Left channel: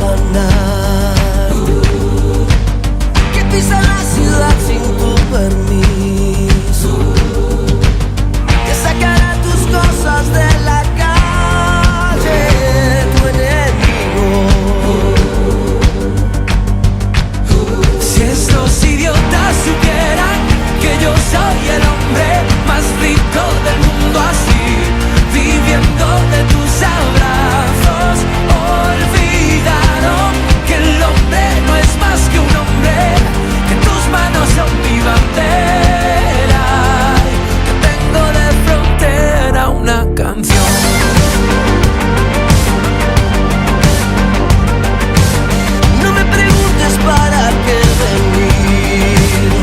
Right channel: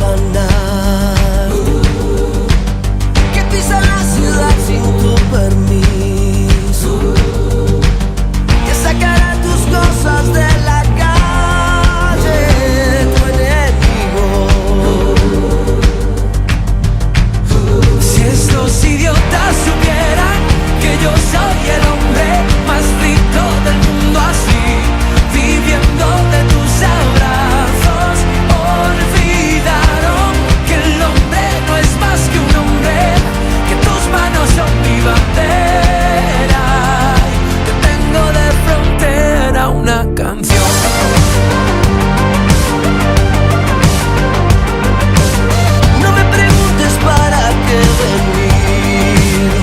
profanar, que pisa la ciudad sin tu permiso, que sacará tus cosas de la calle, tu enemigo. Si estos idiotas supieran que yo soy el hombre más rico del mundo, así, viviendo de tus abrazos, olvidaron que el hombre no es más que un hombre, que tus manos son mi bandera, y que tengo de frontera una canción. No me preguntes para qué he venido,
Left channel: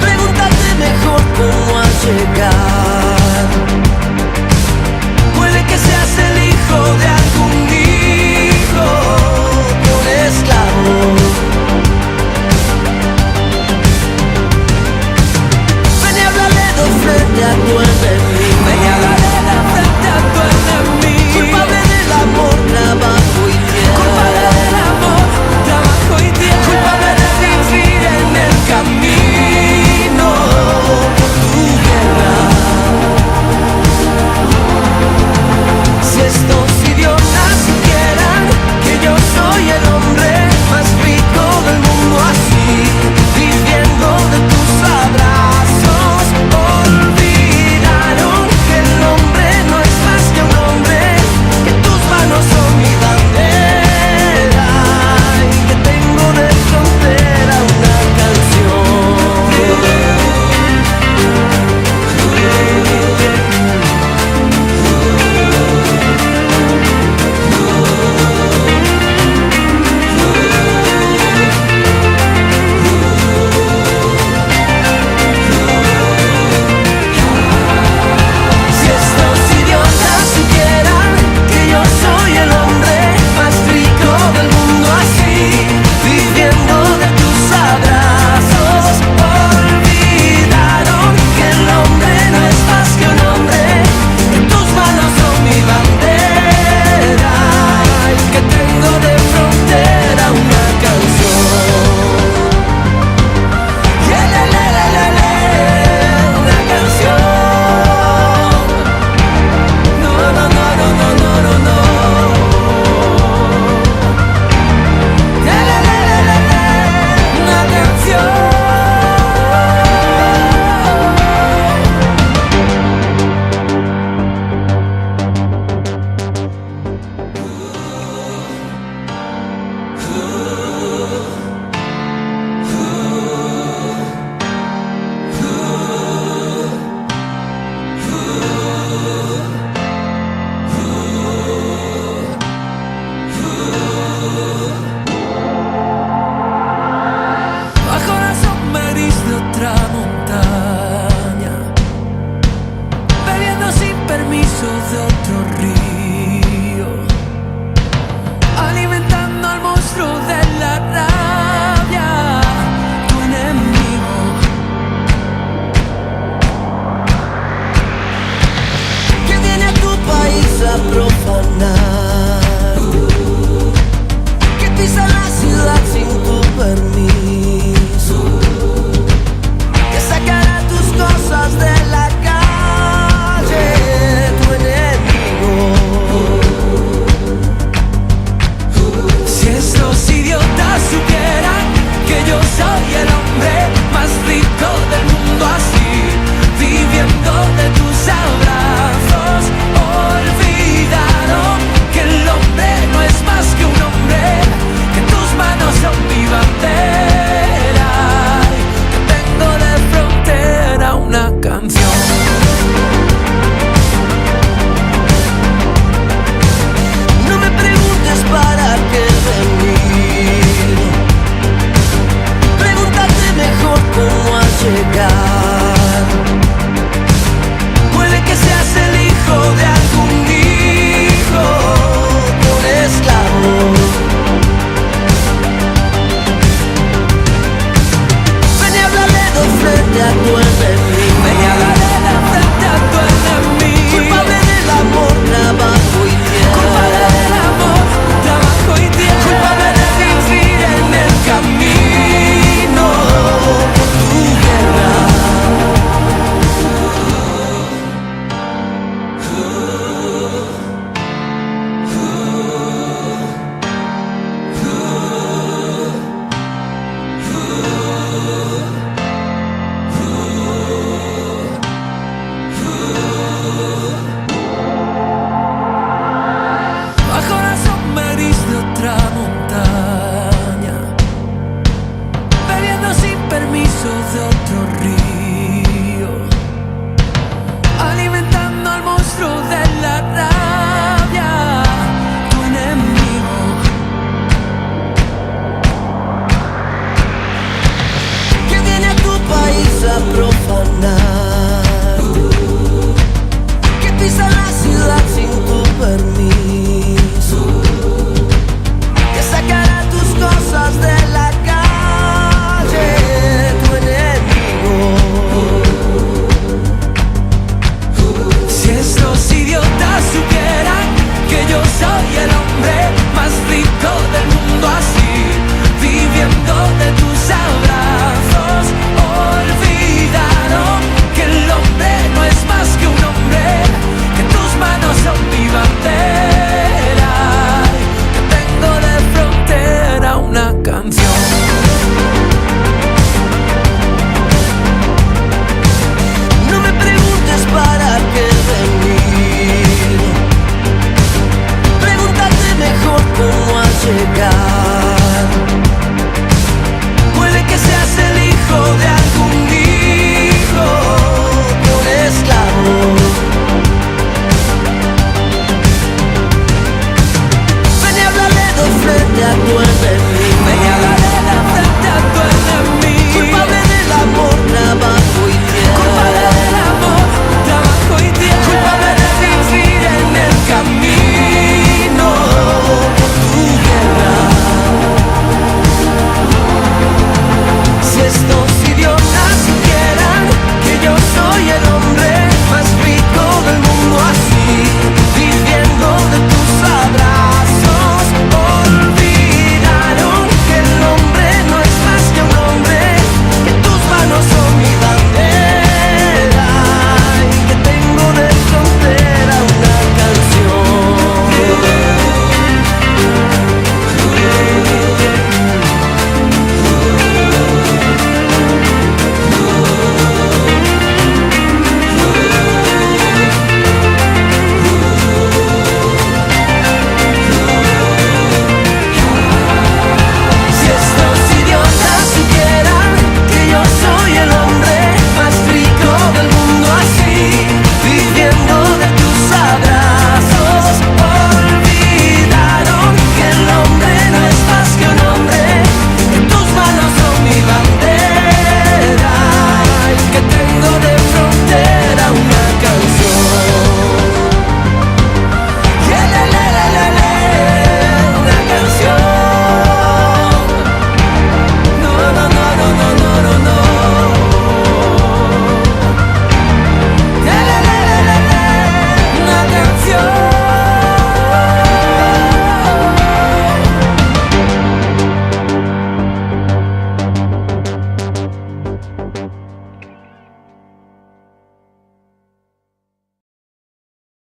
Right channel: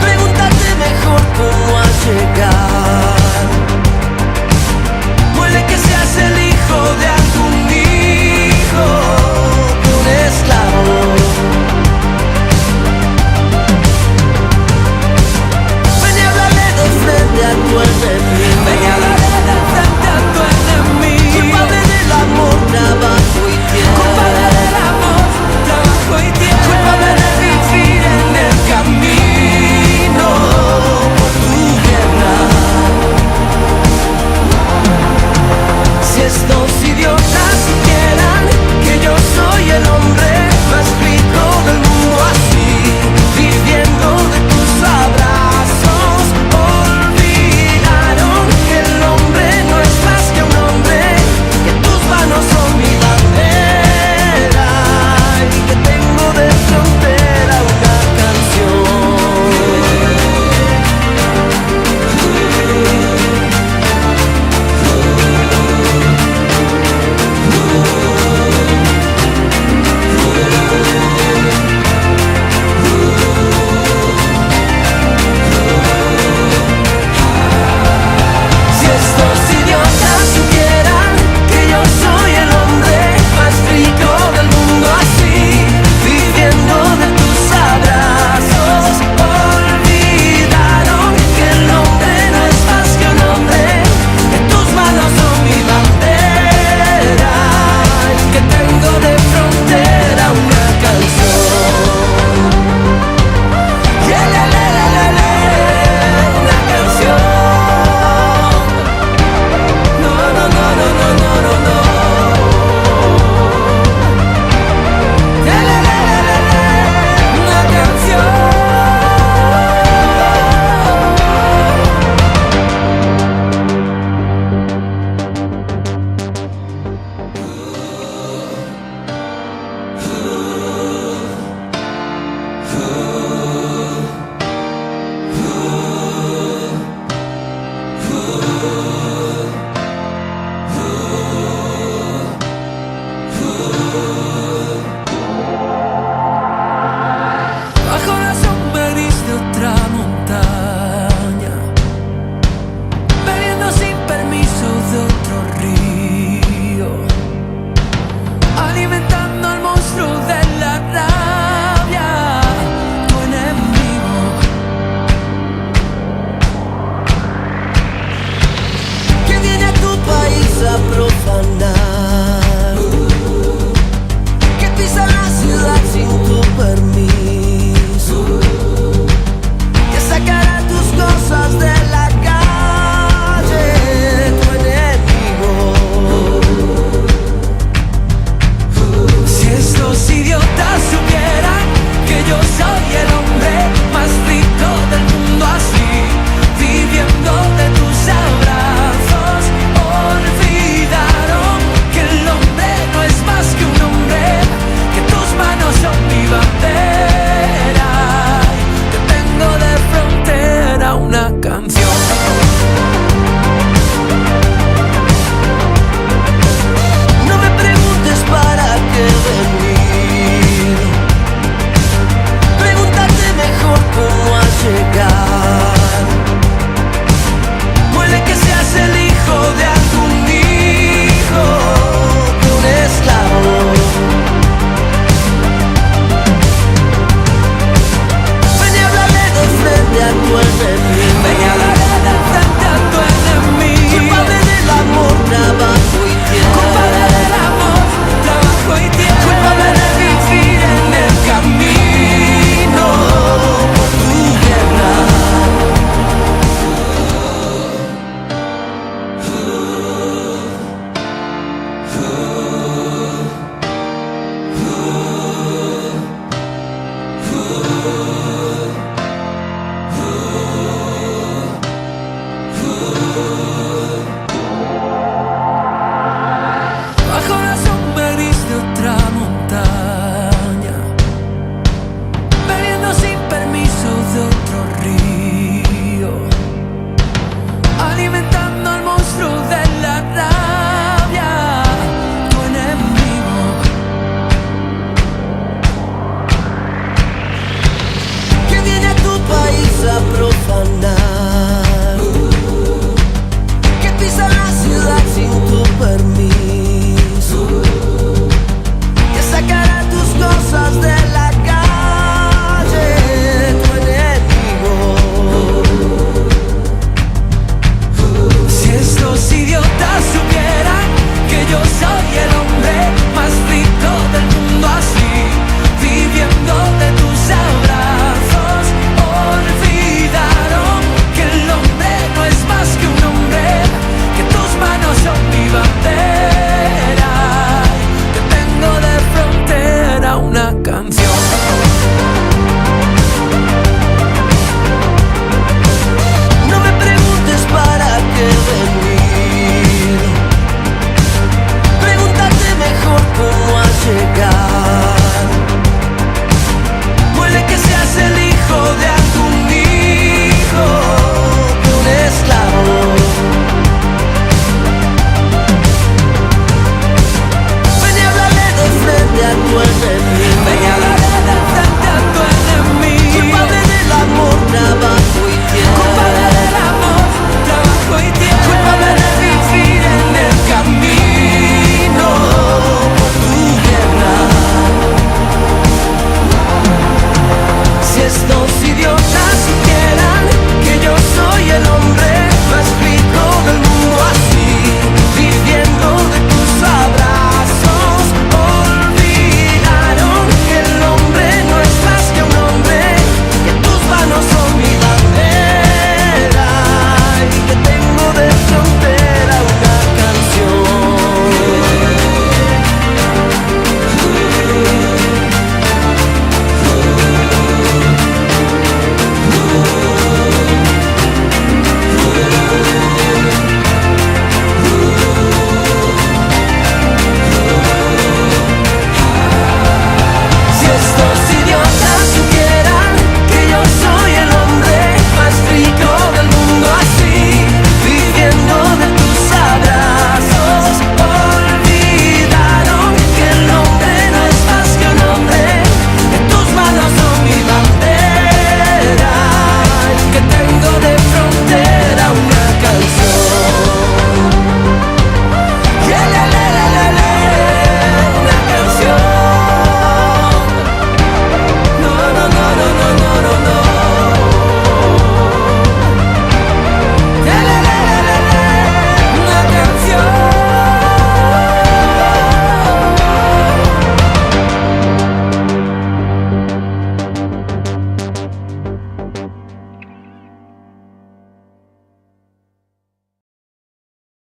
pregúntate mejor cómo has llegado. Puede que seas el hijo de algún hijo de un esclavo. Ven y háblale de frente a tu enemigo. Ven y háblale de frente a tu enemigo. Culpable del amor, trabajo y tierra. Culpable del amor, trabajo y tierra. Culpable de vivir en el camino por tu guerra. Si estos idiotas supieran que yo soy el hombre más rico del mundo, así, viviendo de tus abrazos, olvidaron que el hombre no es más que un hombre, que tus manos son mi bandera y que tengo de frontera una canción. Si estos idiotas supieran que yo soy el hombre más rico del mundo, así, viviendo de tus abrazos, olvidaron que el hombre no es más que un hombre, que tus manos son mi bandera y que tengo de frontera una canción. Una canción. No, no, no, no, no, no, no, no. Una canción. Bajo la sombra gris de otra montaña, bebiendo sin permiso de otro río, alimentando al monstruo de la rabia, tu enemigo. Que viene a tu país a profanar, que pisa la ciudad sin tu permiso, que sacará tus cosas de la calle, tu enemigo. Si estos idiotas supieran que yo soy el hombre más rico del mundo, así, viviendo de tus abrazos, olvidaron que el hombre no es más que un hombre, que tus manos son mi bandera y que tengo de frontera una canción. No me preguntes para qué he venido, pregúntate mejor cómo has llegado. Puede que seas el hijo de algún hijo de un esclavo. Ven y háblale de frente a tu enemigo. Ven y háblale de frente otra montaña, bebiendo sin permiso de otro río, alimentando al monstruo de la rabia, tu enemigo. Que viene a tu país a profanar, que pisa la ciudad sin tu permiso, que sacará tus cosas de la calle, tu enemigo. Si estos idiotas supieran que yo soy el hombre más rico del mundo, así, viviendo de tus abrazos, olvidaron que el hombre no es más que un hombre, que tus manos son mi bandera, que tengo de frontera una canción. No me preguntes para qué he venido, pregúntate mejor cómo has llegado. Puede que seas el hijo de algún hijo de un esclavo. Ven y háblale de frente a tu enemigo. Ven y háblale